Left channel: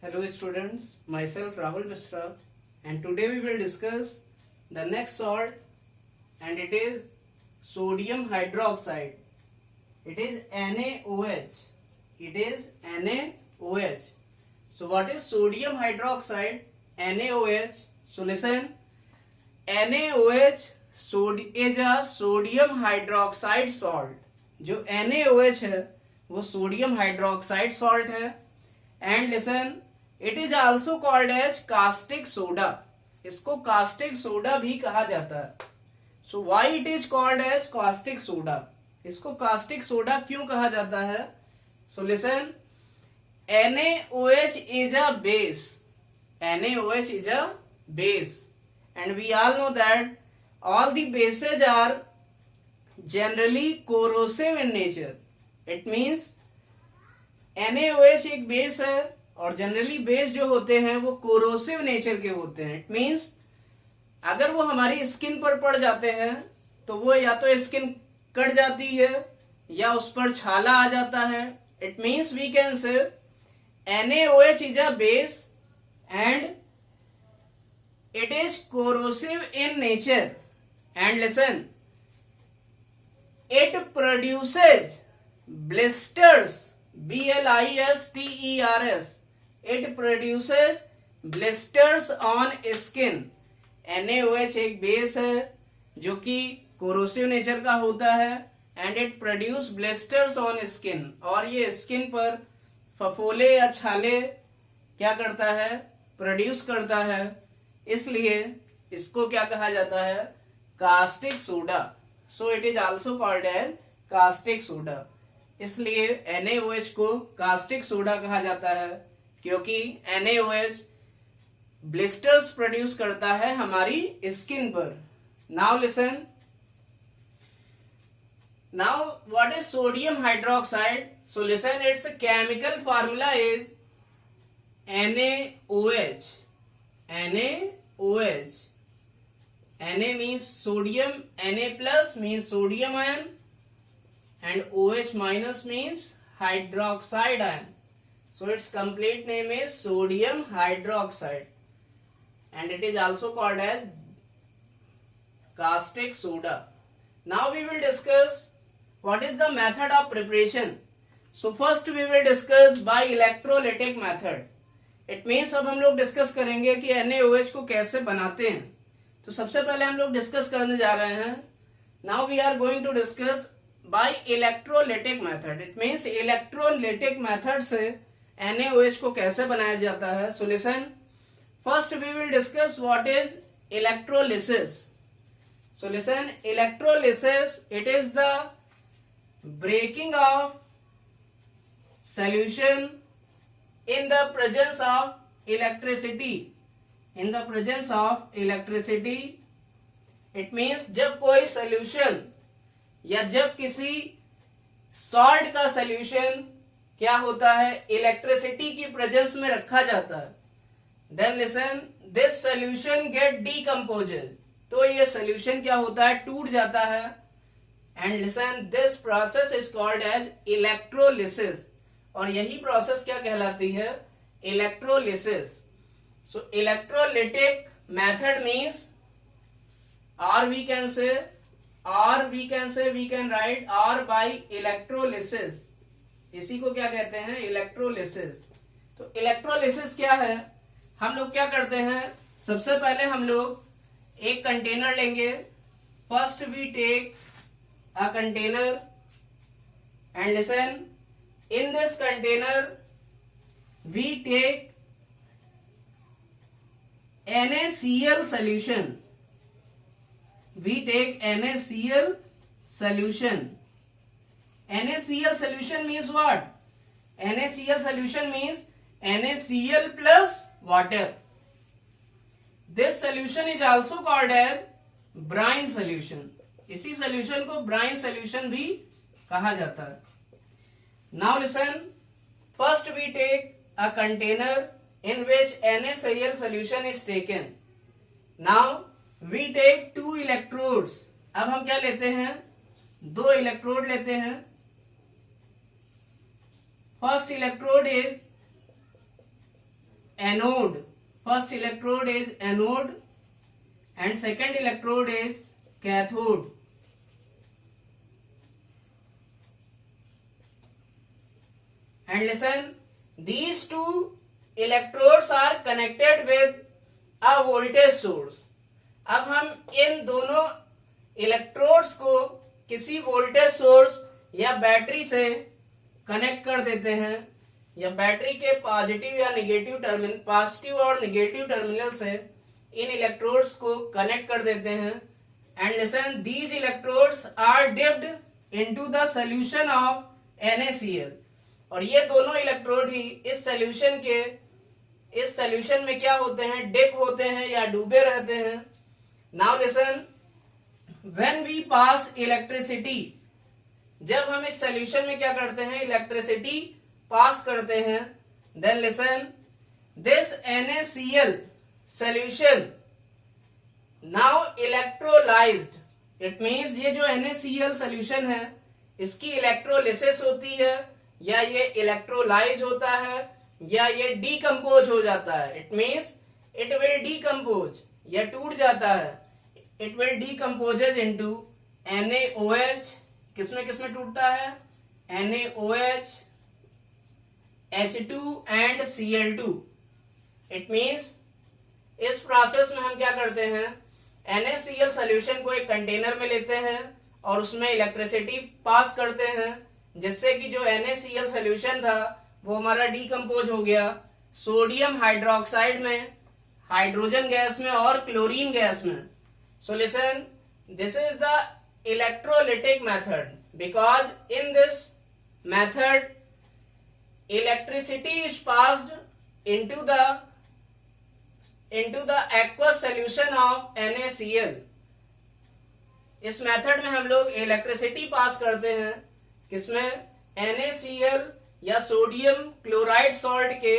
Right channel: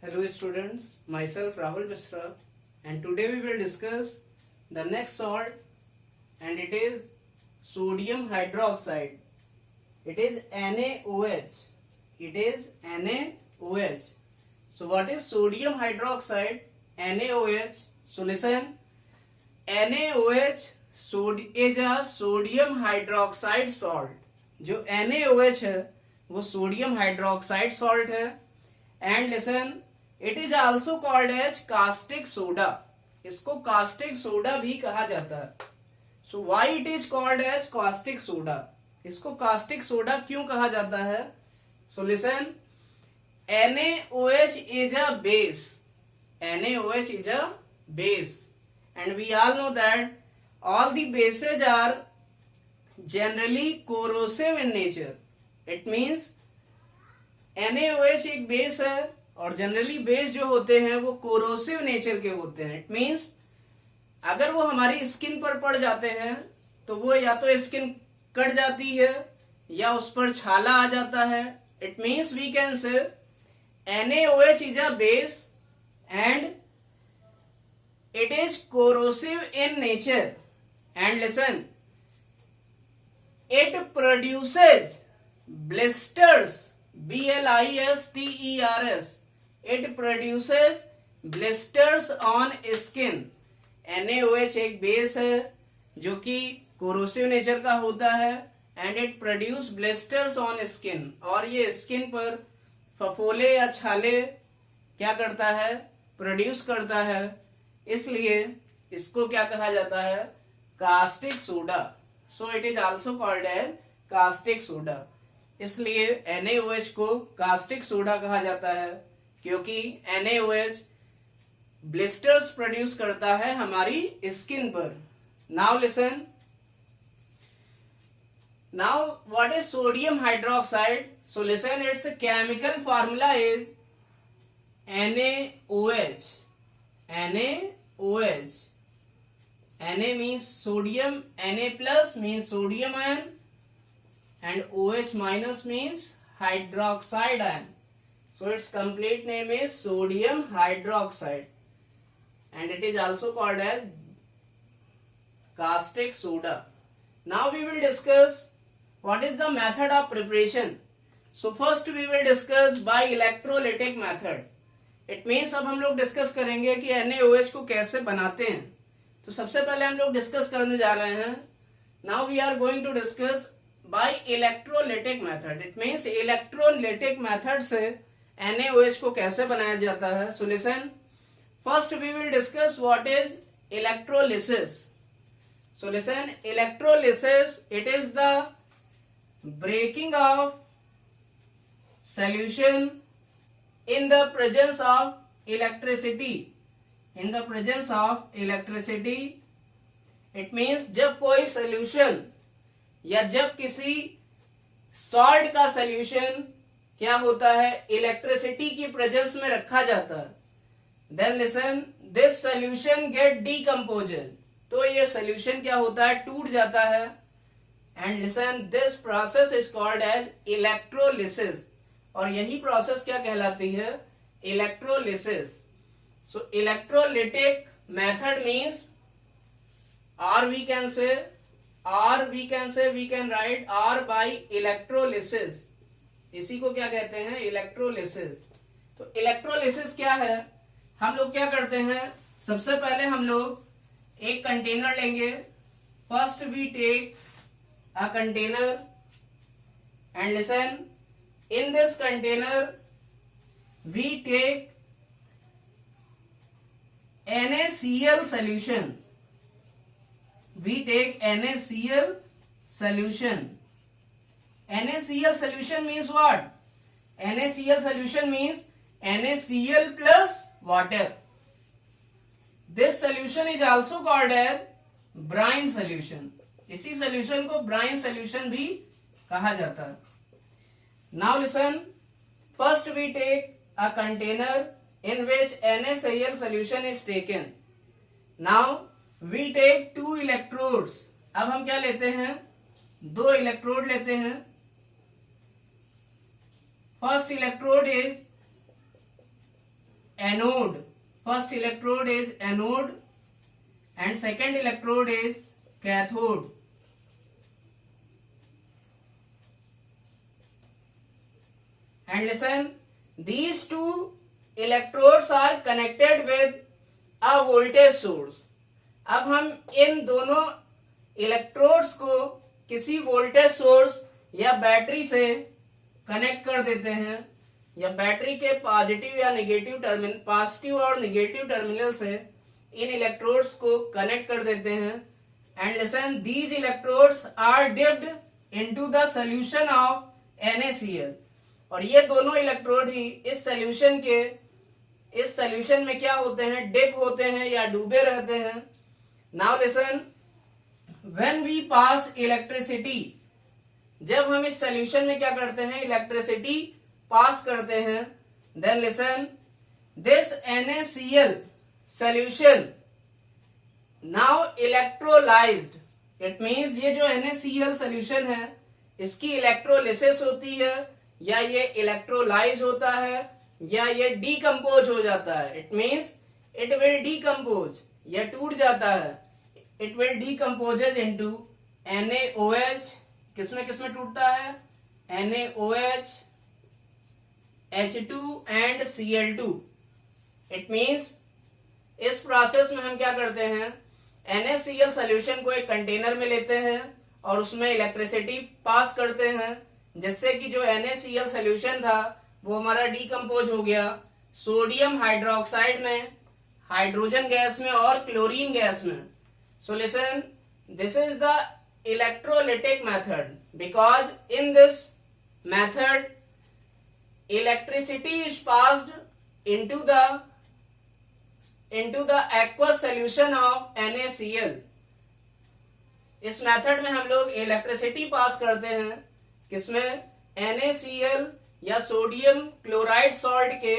Hello students, myself Rahul Mishra and today we will discuss the next salt and it is sodium hydroxide. It is NaOH. It is NaOH. So what is sodium hydroxide? NaOH. So listen, NaOH is a sodium hydroxide salt. जो NaOH है वो sodium hydroxide salt है. And listen, it is also called as caustic soda. इसको caustic soda भी कहा जाता है. So why it is called as caustic soda? इसको कास्टिक सोडा क्यों कहा जाता है? So listen, NaOH is a base. NaOH is a base and we all know that all the bases are generally corrosive in nature. It means NaOH एक base है और generally base जो होते हैं वो कोरोसिव नेचर के होते हैं. इट मीन्स अगर वो हमारी स्किन पर पड़ जाते हैं तो वो या तो स्किन कट जाती है या उस पर छाला आ जाता है. It means we can say NaOH is a base and it is corrosive in nature. And listen, it produces blisters. blisters. It produces blisters on skin. NaOH एक बेस है जो कि कोरोसिव नेचर का होता है and it produce blisters on skin. और ये skin पर फफोले या छाले क्या करता है? प्रोड्यूस करता है. इसलिए इसको क्या कहा जाता है? Caustic soda. So it is also called as caustic soda. इसलिए NaOH को कास्टिक सोडा कहा जाता है क्योंकि NaOH ब्लिस्टर्स प्रोड्यूस करता है हमारी स्किन पर. Now listen, now what is sodium hydroxide? So listen, it's chemical formula is NaOH. NaOH. Na means sodium, Na plus means sodium ion and OH minus means hydroxide ion. So its complete name is sodium hydroxide and it is also called as caustic soda. Now we will discuss what is the method of preparation. So first we will discuss by electrolytic method. It means अब हम लोग discuss करेंगे कि NaOH को कैसे बनाते हैं. तो सबसे पहले हम लोग डिस्कस करने जा रहे हैं. Now we are going to discuss by electrolytic method. It means electrolytic method से NaOH को कैसे बनाया जाता है. So listen, first we will discuss what is electrolysis. So listen, electrolysis it is the breaking of solution in the presence of electricity. In the presence of electricity. It means जब कोई solution या जब किसी salt का solution क्या होता है? Electricity की प्रेजेंस में रखा जाता है. Then listen, this solution get decomposed. तो ये सोल्यूशन क्या होता है? टूट जाता है. And listen, this process is called as electrolysis. और यही प्रोसेस क्या कहलाती है? Electrolysis. So electrolytic method means, or we can write or by electrolysis. इसी को क्या कहते हैं? इलेक्ट्रोलिसिस. तो इलेक्ट्रोलिसिस क्या है? हम लोग क्या करते हैं? सबसे पहले हम लोग एक कंटेनर लेंगे. First we take a container and listen, in this container we take NaCl solution. We take NaCl solution. NaCl solution means what? NaCl solution means NaCl plus water. This solution is also called as brine solution. इसी solution को brine solution भी कहा जाता है. Now listen, first we take a container in which NaCl solution is taken. Now we take 2 electrodes. अब हम क्या लेते हैं? 2 इलेक्ट्रोड लेते हैं. First electrode is anode. First electrode is anode and second electrode is cathode. And listen, these two electrodes are connected with a voltage source. अब हम इन दोनों इलेक्ट्रोड्स को किसी वोल्टेज सोर्स या बैटरी से कनेक्ट कर देते हैं, या बैटरी के पॉजिटिव या नेगेटिव टर्मिनल, पॉजिटिव और नेगेटिव टर्मिनल से इन इलेक्ट्रोड्स को कनेक्ट कर देते हैं. And listen, these electrodes are dipped into the solution of NaCl. और ये दोनों इलेक्ट्रोड ही इस सॉल्यूशन में क्या होते हैं, डिप होते हैं या डूबे रहते हैं. Now listen, when we pass electricity, जब हम इस सॉल्यूशन में क्या करते हैं, इलेक्ट्रिसिटी पास करते हैं, then listen, this NaCl solution now electrolysed. It means ये जो NaCl सॉल्यूशन है इसकी इलेक्ट्रोलिसिस होती है, या ये इलेक्ट्रोलाइज होता है, या ये डीकम्पोज हो जाता है. It means it will decompose, या टूट जाता है. It will decomposes into NaOH. किसमें किसमें टूटता है, NaOH, H2 and Cl2. It means इस प्रोसेस में हम क्या करते हैं, NaCl सोल्यूशन को एक कंटेनर में लेते हैं और उसमें इलेक्ट्रिसिटी पास करते हैं, जिससे कि जो NaCl सोल्यूशन था वो हमारा डीकम्पोज हो गया सोडियम हाइड्रोक्साइड में, हाइड्रोजन गैस में और क्लोरीन गैस में. सो listen, this is the electrolytic method, because in this method electricity is passed into the aqueous solution of NaCl. इस मेथड में हम लोग इलेक्ट्रिसिटी पास करते हैं, किसमें, NaCl या सोडियम क्लोराइड सॉल्ट के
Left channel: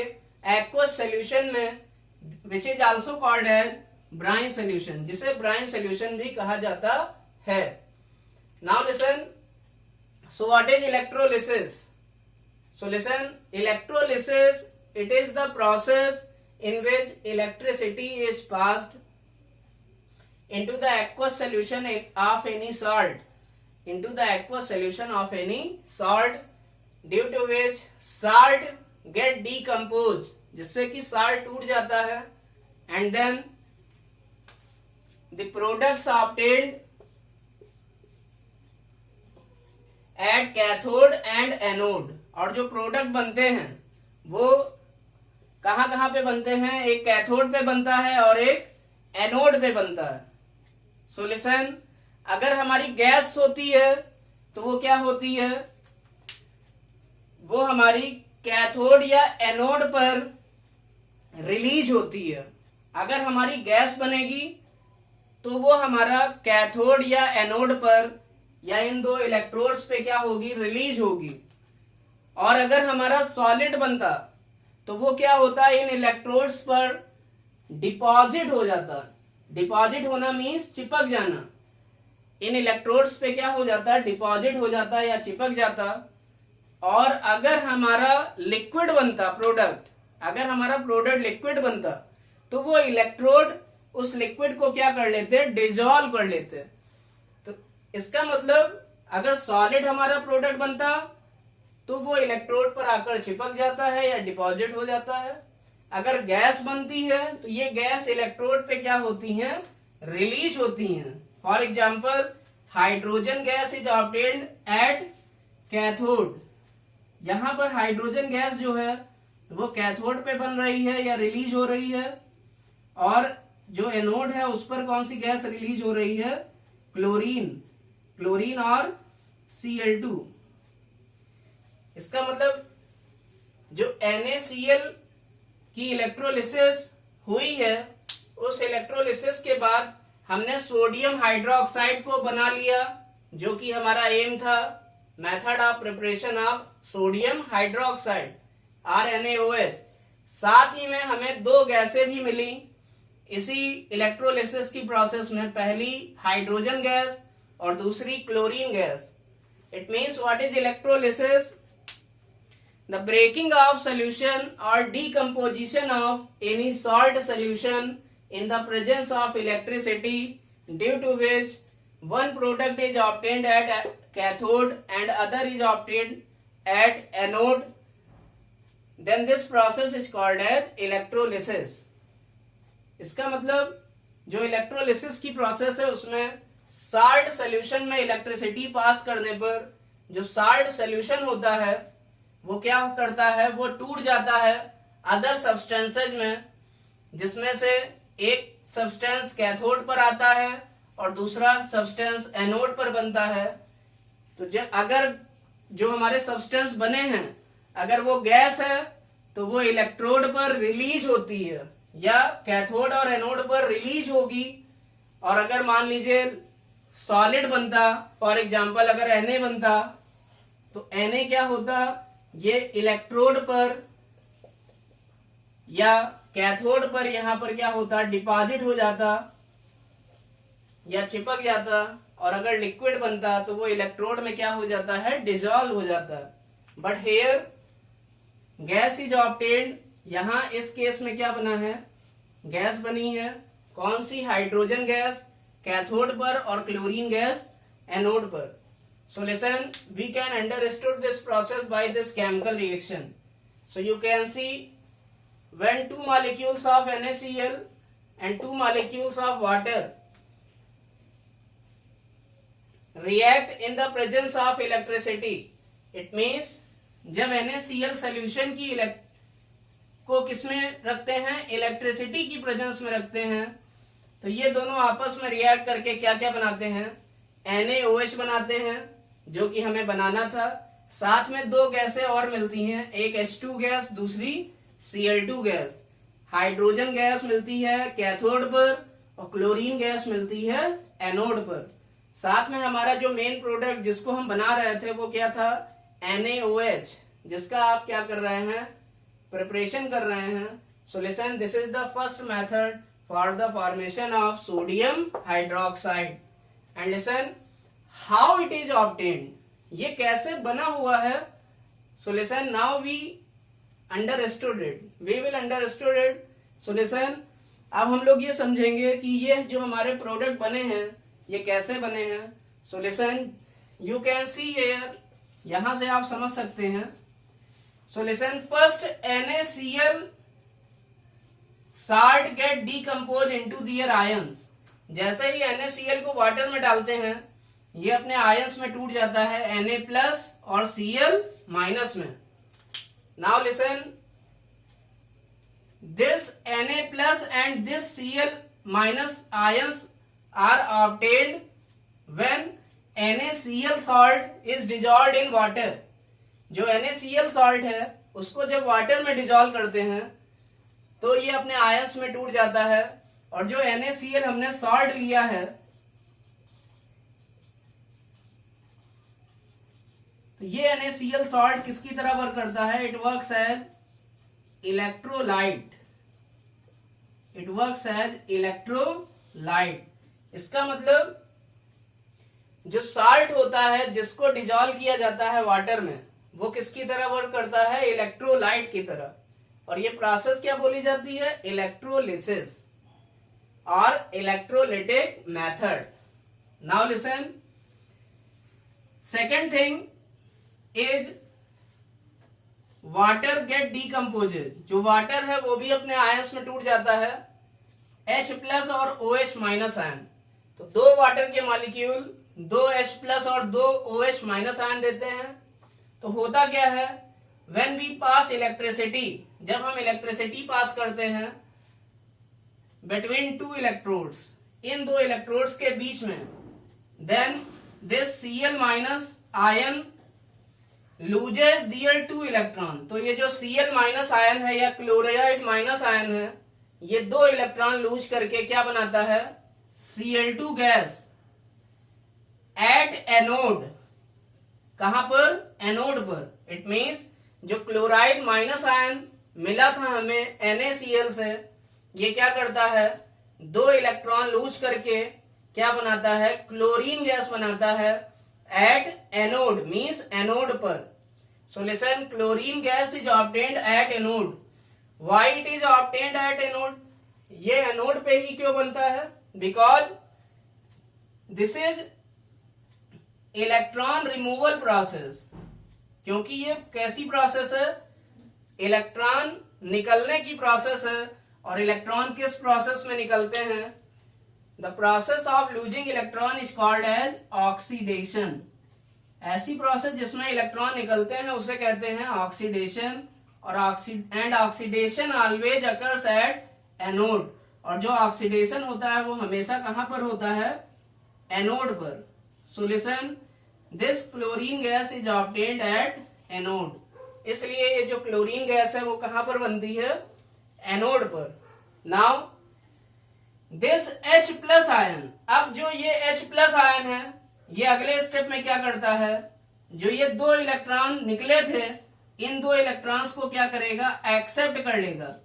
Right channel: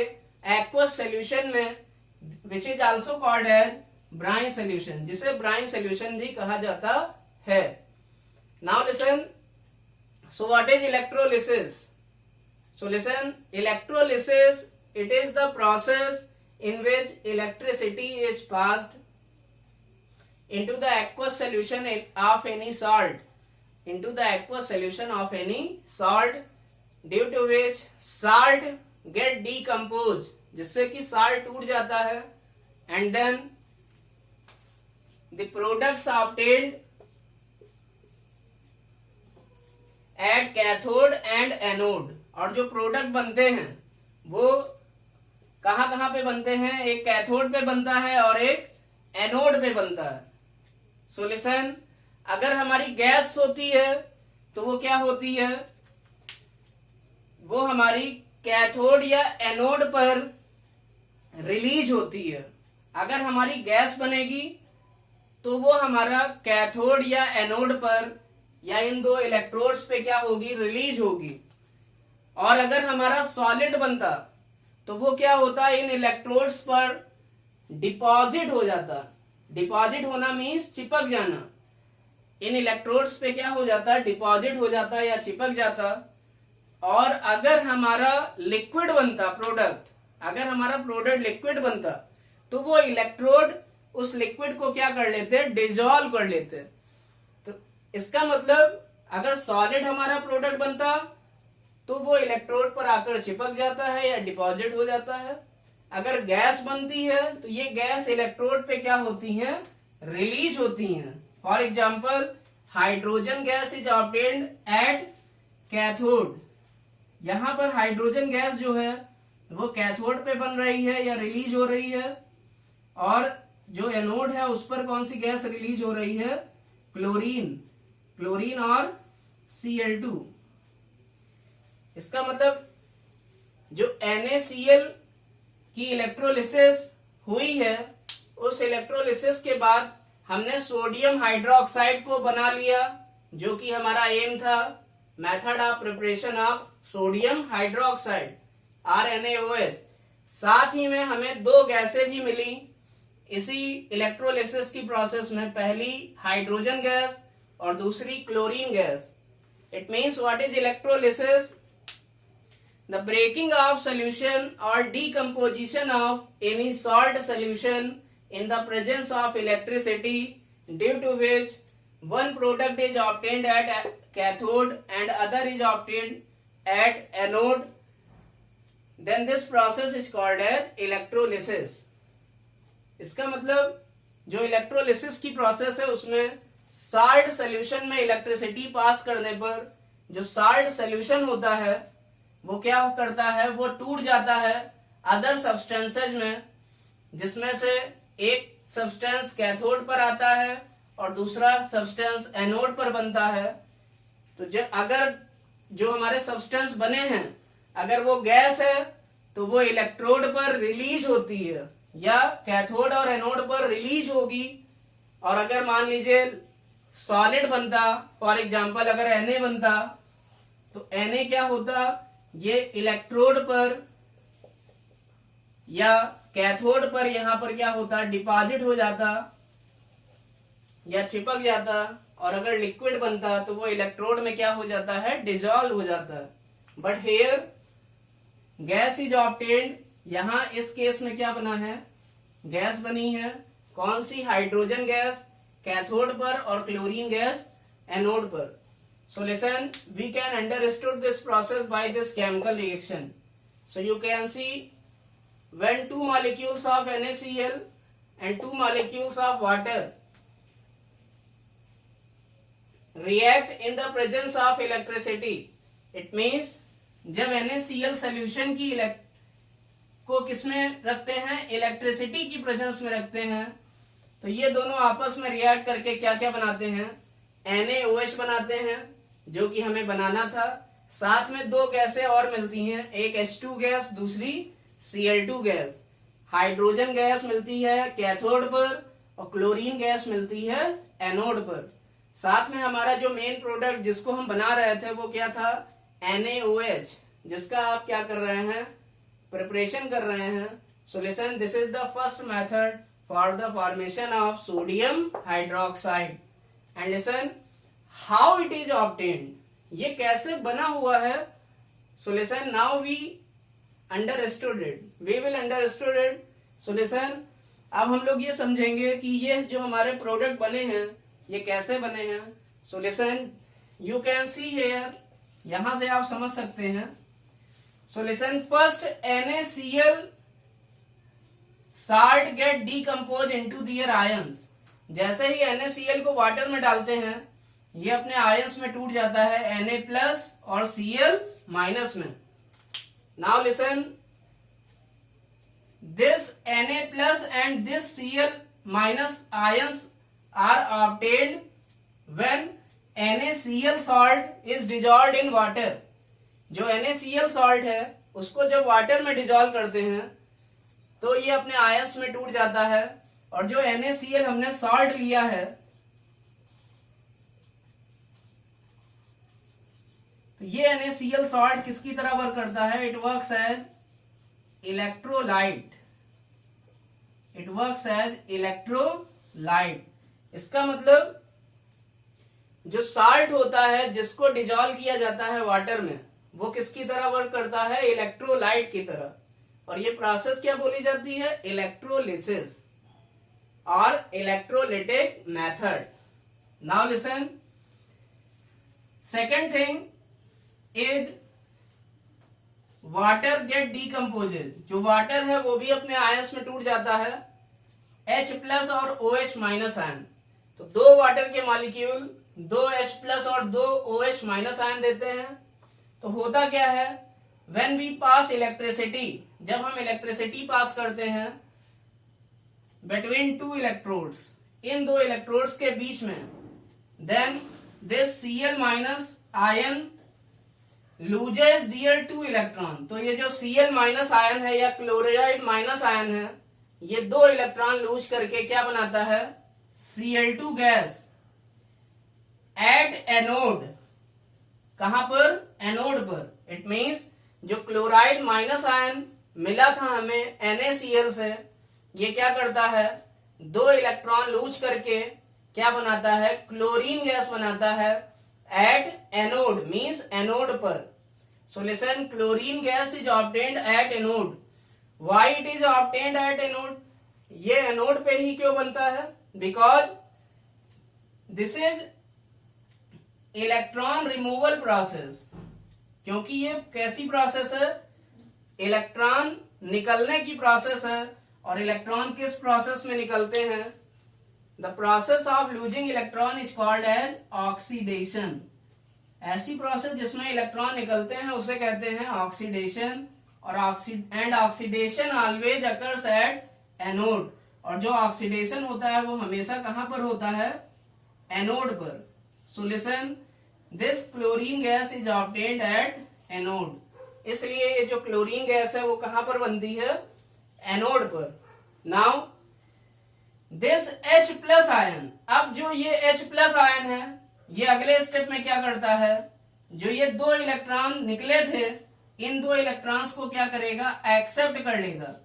एक्वस सोल्यूशन में, which is also called as brine solution, जिसे ब्राइन सोल्यूशन भी कहा जाता है. Now listen, so what is electrolysis? So listen, electrolysis, it is the process in which electricity is passed into the aqueous solution of any salt, due to which salt get decomposed, जिससे कि salt टूट जाता है, and then the products obtained at cathode and anode. और जो product बनते हैं वो कहां पे बनते हैं, एक कैथोड पे बनता है और एक एनोड पे बनता है. सो लिसन, अगर हमारी गैस होती है तो वो क्या होती है, वो हमारी कैथोड या एनोड पर रिलीज होती है. अगर हमारी गैस बनेगी तो वो हमारा कैथोड या एनोड पर या इन दो इलेक्ट्रोड्स पे क्या होगी, रिलीज होगी. और अगर हमारा सॉलिड बनता तो वो क्या होता है, इन इलेक्ट्रोड्स पर डिपॉजिट हो जाता. डिपॉजिट होना मीन्स चिपक जाना. इन इलेक्ट्रोड्स पे क्या हो जाता है, डिपॉजिट हो जाता है या चिपक जाता. और अगर हमारा लिक्विड बनता प्रोडक्ट, अगर हमारा प्रोडक्ट लिक्विड बनता तो वो इलेक्ट्रोड उस लिक्विड को क्या कर लेते, डिजोल्व कर लेते. तो इसका मतलब अगर सॉलिड हमारा प्रोडक्ट बनता तो वो इलेक्ट्रोड पर आकर चिपक जाता है या डिपॉजिट हो जाता है. अगर गैस बनती है तो ये गैस इलेक्ट्रोड पे क्या होती हैं, रिलीज होती हैं. For example, hydrogen gas is obtained at cathode. यहां पर हाइड्रोजन गैस जो है वो कैथोड पे बन रही है या रिलीज हो रही है, और जो एनोड है उस पर कौन सी गैस रिलीज हो रही है, क्लोरीन और Cl2. इसका मतलब जो NaCl की इलेक्ट्रोलिसिस हुई है, उस इलेक्ट्रोलिसिस के बाद हमने सोडियम हाइड्रोक्साइड को बना लिया, जो कि हमारा एम था, method of preparation of sodium hydroxide RNaOH. साथ ही में हमें दो गैसें भी मिली इसी इलेक्ट्रोलिसिस की प्रोसेस में, पहली हाइड्रोजन गैस और दूसरी chlorine gas. It means what is electrolysis? The breaking of solution or decomposition of any salt solution in the presence of electricity, due to which one product is obtained at cathode and other is obtained at anode, then this process is called as electrolysis. इसका मतलब जो electrolysis की process है उसमें salt solution में electricity pass करने पर जो साल्ट सोल्यूशन होता है वो क्या करता है, वो टूट जाता है अदर सब्सटेंसेज में, जिसमें से एक सब्सटेंस कैथोड पर आता है और दूसरा सब्सटेंस एनोड पर बनता है। तो जब अगर जो हमारे सब्सटेंस बने हैं अगर वो गैस है तो वो इलेक्ट्रोड पर रिलीज होती है या कैथोड और एनोड पर रिलीज होगी, और अगर मान लीजिए सॉलिड बनता, फॉर एग्जांपल अगर Na बनता तो Na क्या होता, ये इलेक्ट्रोड पर या कैथोड पर यहां पर क्या होता, डिपॉजिट हो जाता या चिपक जाता, और अगर लिक्विड बनता तो वो इलेक्ट्रोड में क्या हो जाता है, डिजॉल्व हो जाता। But here gas is obtained, यहां इस केस में क्या बना है, गैस बनी है। कौन सी, हाइड्रोजन गैस कैथोड पर और क्लोरीन गैस एनोड पर। So listen, we can understood this process by this chemical reaction. So you can see when two molecules of NaCl and two molecules of water react in the presence of electricity, it means जब NaCl solution की को किसमें रखते हैं, electricity की presence में रखते हैं, तो ये दोनों आपस में रिएक्ट करके क्या क्या बनाते हैं, NaOH बनाते हैं जो कि हमें बनाना था। साथ में दो गैसें और मिलती हैं, एक H2 गैस, दूसरी Cl2 गैस। हाइड्रोजन गैस मिलती है कैथोड पर और क्लोरीन गैस मिलती है एनोड पर। साथ में हमारा जो मेन प्रोडक्ट जिसको हम बना रहे थे वो क्या था, NaOH, जिसका आप क्या कर रहे हैं, प्रिपरेशन कर रहे हैं। So listen, this is the first method for the formation of sodium hydroxide. And listen how it is obtained, ये कैसे बना हुआ है। So listen, now we understood it, we will understood it. So listen, अब हम लोग ये समझेंगे कि ये जो हमारे प्रोडक्ट बने हैं ये कैसे बने हैं। So listen, you can see here, यहां से आप समझ सकते हैं। So listen, first NaCl salt get decompose into their ions। जैसे ही NaCl को वाटर में डालते हैं ये अपने आयंस में टूट जाता है Na+ और Cl- में। Now listen, this Na+ and this Cl- ions are obtained when NaCl salt is dissolved in water। जो NaCl salt है उसको जब वाटर में डिजॉल्व करते हैं तो ये अपने आयंस में टूट जाता है, और जो NaCl हमने सॉल्ट लिया है तो ये NaCl सॉल्ट किसकी तरह वर्क करता है, it works as electrolyte, it works as electrolyte. इसका मतलब जो साल्ट होता है जिसको डिजॉल्व किया जाता है वाटर में वो किसकी तरह वर्क करता है, इलेक्ट्रोलाइट की तरह। और ये प्रोसेस क्या बोली जाती है, इलेक्ट्रोलिसिस और electrolytic method. Now listen, second thing is water get decomposed. जो वाटर है वो भी अपने आयंस में टूट जाता है, H+ और OH- आयन। तो दो वाटर के मॉलिक्यूल दो H+ और दो OH- आयन देते हैं। तो होता क्या है, व्हेन वी पास इलेक्ट्रिसिटी, जब हम इलेक्ट्रिसिटी पास करते हैं बिटवीन टू इलेक्ट्रोड्स, इन दो इलेक्ट्रोड्स के बीच में, then this Cl- ion loses their two electron. तो ये जो Cl- आयन है या क्लोराइड माइनस आयन है, ये दो इलेक्ट्रॉन लूज करके क्या बनाता है, Cl2 गैस एट एनोड। कहां पर, एनोड पर। इट मीन्स जो क्लोराइड माइनस आयन मिला था हमें NaCl से, ये क्या करता है, दो इलेक्ट्रॉन लूज करके क्या बनाता है, क्लोरीन गैस बनाता है एट एनोड, मीन्स एनोड पर। So listen, chlorine gas is obtained at anode. Why it is obtained at anode? ये एनोड पे ही क्यों बनता है? Because this is electron removal process. क्योंकि ये कैसी प्रोसेस है? इलेक्ट्रॉन निकलने की प्रोसेस है. और इलेक्ट्रॉन किस प्रोसेस में निकलते हैं? The process of losing electron is called as oxidation. ऐसी प्रोसेस जिसमें इलेक्ट्रॉन निकलते हैं उसे कहते हैं ऑक्सीडेशन. और oxidation always occurs at anode. और जो ऑक्सीडेशन होता है वो हमेशा कहां पर होता है? एनोड पर. सो listen, this chlorine gas is obtained at anode. इसलिए ये जो क्लोरीन गैस है वो कहां पर बनती है? एनोड पर. Now this H plus ion, अब जो ये H प्लस आयन है ये अगले स्टेप में क्या करता है? जो ये दो इलेक्ट्रॉन निकले थे इन दो इलेक्ट्रॉन्स को क्या करेगा? एक्सेप्ट कर लेगा.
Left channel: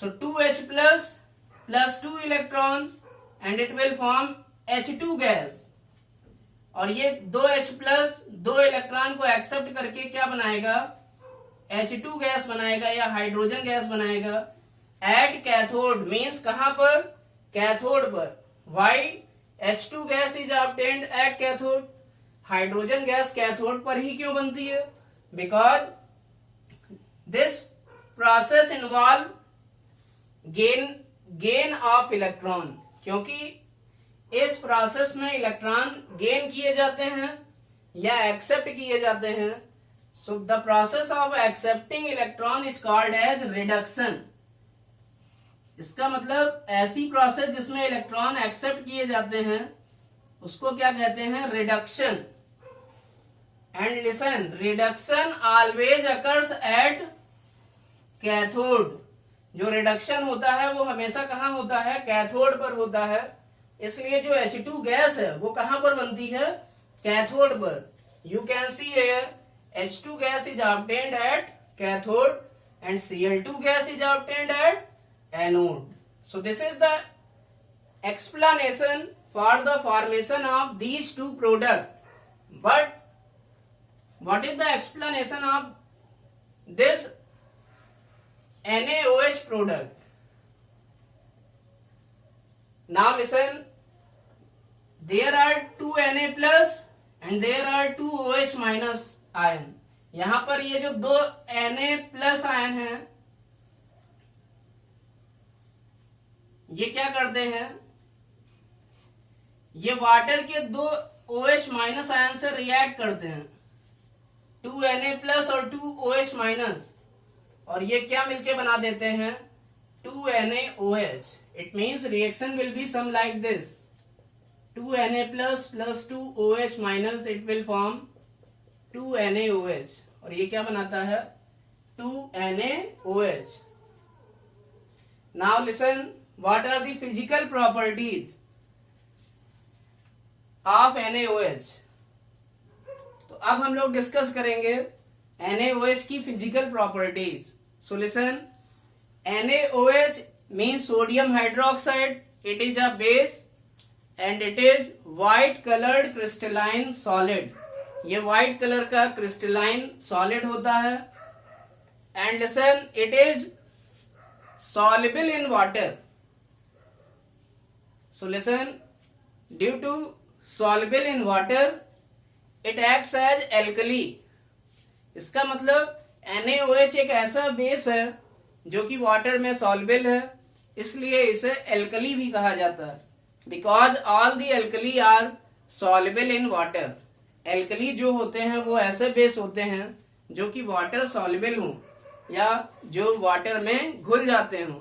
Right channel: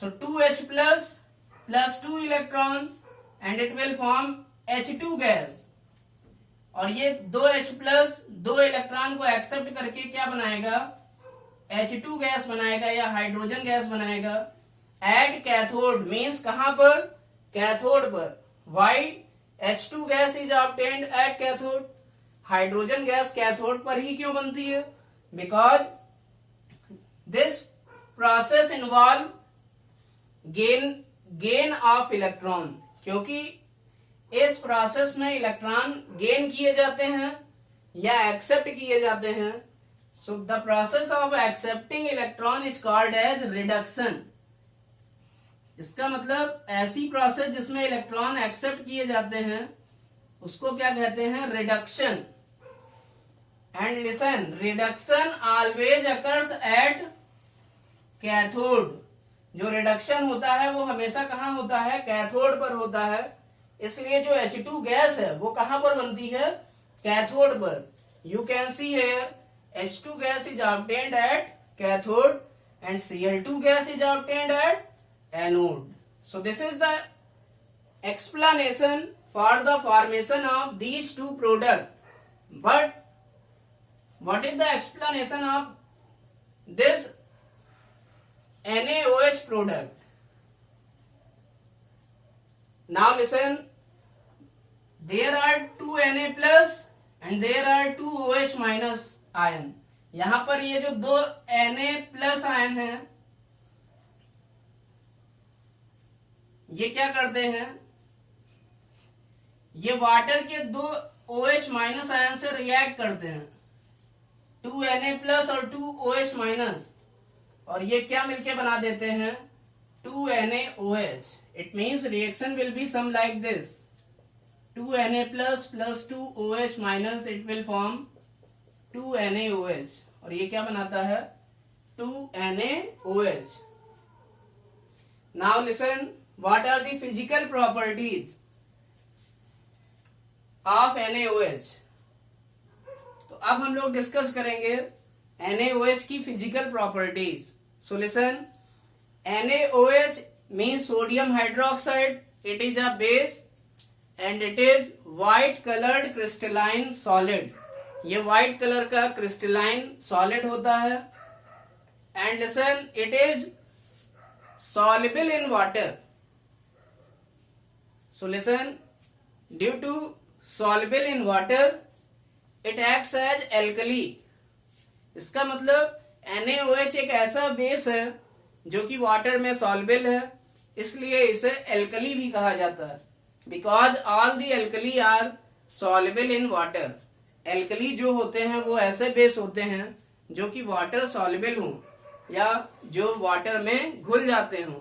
सो 2H plus plus 2 electron and it will form H2 gas. और ये 2H प्लस 2 इलेक्ट्रॉन को एक्सेप्ट करके क्या बनाएगा? H2 गैस बनाएगा या हाइड्रोजन गैस बनाएगा. एट कैथोड मीन्स कहां पर? कैथोड पर. Why H2 gas is obtained at cathode. Hydrogen gas cathode पर ही क्यों बनती है? Because this process involve gain of electron. क्योंकि इस प्रोसेस में इलेक्ट्रॉन गेन किए जाते हैं या एक्सेप्ट किए जाते हैं. So the process of accepting electron is called as reduction. इसका मतलब ऐसी प्रोसेस जिसमें इलेक्ट्रॉन एक्सेप्ट किए जाते हैं उसको क्या कहते हैं? Reduction. And listen, reduction always occurs at cathode. जो रिडक्शन होता है वो हमेशा कहां होता है? कैथोड पर होता है. इसलिए जो H2 गैस है वो कहां पर बनती है? कैथोड पर. You can see here H2 gas is obtained at cathode and Cl2 gas is obtained at anode. So this is the explanation for the formation of these two products. But what is the explanation of this NaOH product? Now listen, there are two Na plus and there are two OH minus ion. यहां पर ये जो दो Na plus ion है ये क्या करते हैं? ये वाटर के दो OH माइनस आयन से रिएक्ट करते हैं. 2 Na प्लस और 2 OH माइनस. और ये क्या मिलके बना देते हैं? 2 NaOH. It means reaction will be some like this. 2 Na plus plus 2 OH minus it will form 2 NaOH. और ये क्या बनाता है? 2 NaOH. Now listen, what are the physical properties of NaOH? तो अब हम लोग डिस्कस करेंगे NaOH की physical properties. So listen, NaOH means sodium hydroxide. It is a base and it is white colored crystalline solid. ये white colour का crystalline solid होता है. And listen, it is soluble in water. So listen, due to soluble in water, it acts as alkali. इसका मतलब NaOH एक ऐसा base है जो कि वाटर में सॉल्युबल है, इसलिए इसे एल्कली भी कहा जाता है. Because all the alkali are soluble in water. Alkali जो होते हैं वो ऐसे बेस होते हैं जो कि वाटर सॉल्युबल हों या जो वाटर में घुल जाते हों.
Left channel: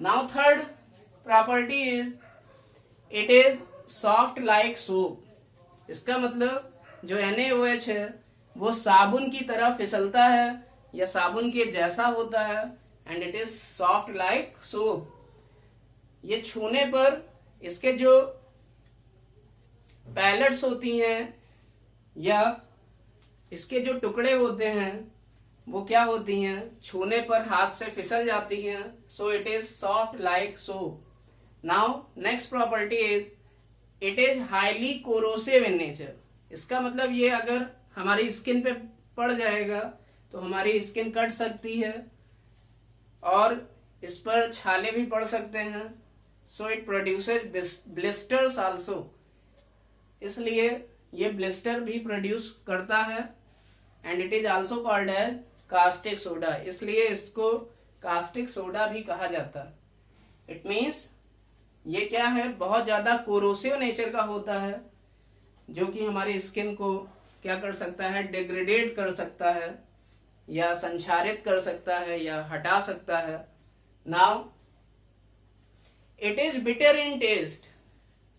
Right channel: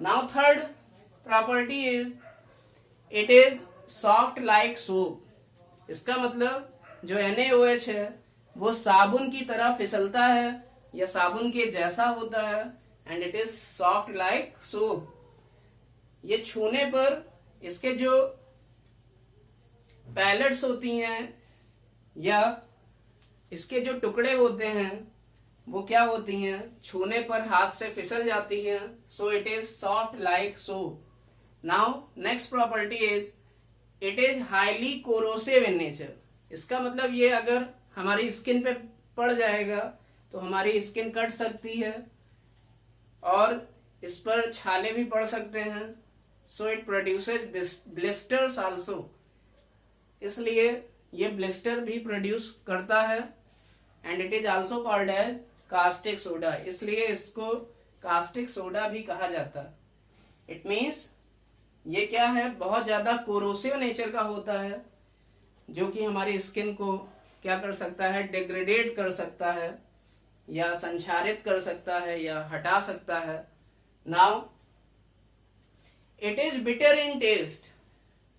Now third property is it is soft like soap. इसका मतलब जो NaOH है वो साबुन की तरह फिसलता है या साबुन के जैसा होता है. And it is soft like soap. ये छूने पर इसके जो पैलेट्स होती हैं या इसके जो टुकड़े होते हैं वो क्या होती हैं? छूने पर हाथ से फिसल जाती हैं. So it is soft like soap. Now next property is it is highly corrosive in nature. इसका मतलब ये अगर हमारी स्किन पे पड़ जाएगा तो हमारी स्किन कट सकती है और इस पर छाले भी पड़ सकते हैं। So it produces blisters also, इसलिए ये ब्लिस्टर भी प्रोड्यूस करता है। And it is also called as caustic soda, इसलिए इसको कास्टिक सोडा भी कहा जाता है। इट मीन्स ये क्या है, बहुत ज्यादा कोरोसिव नेचर का होता है, जो कि हमारी स्किन को क्या कर सकता है, डिग्रेडेट कर सकता है या संक्षारित कर सकता है या हटा सकता है। Now it is bitter in taste,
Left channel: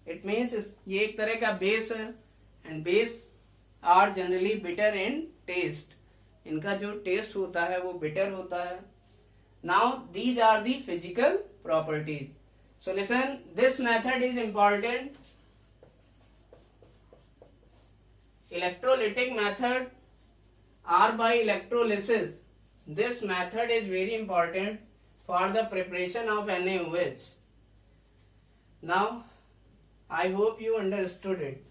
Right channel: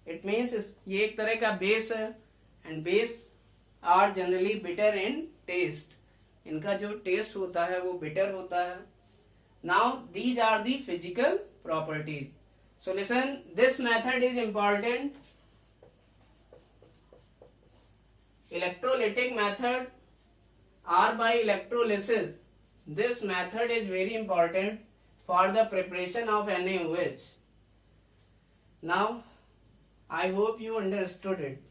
it means ये एक तरह का बेस है and base are generally bitter in taste, इनका जो टेस्ट होता है वो बिटर होता है। Now these are the physical properties. So listen, this method is important. Electrolytic method or by electrolysis. This method is very important for the preparation of NaOH. Now, I hope you understood it.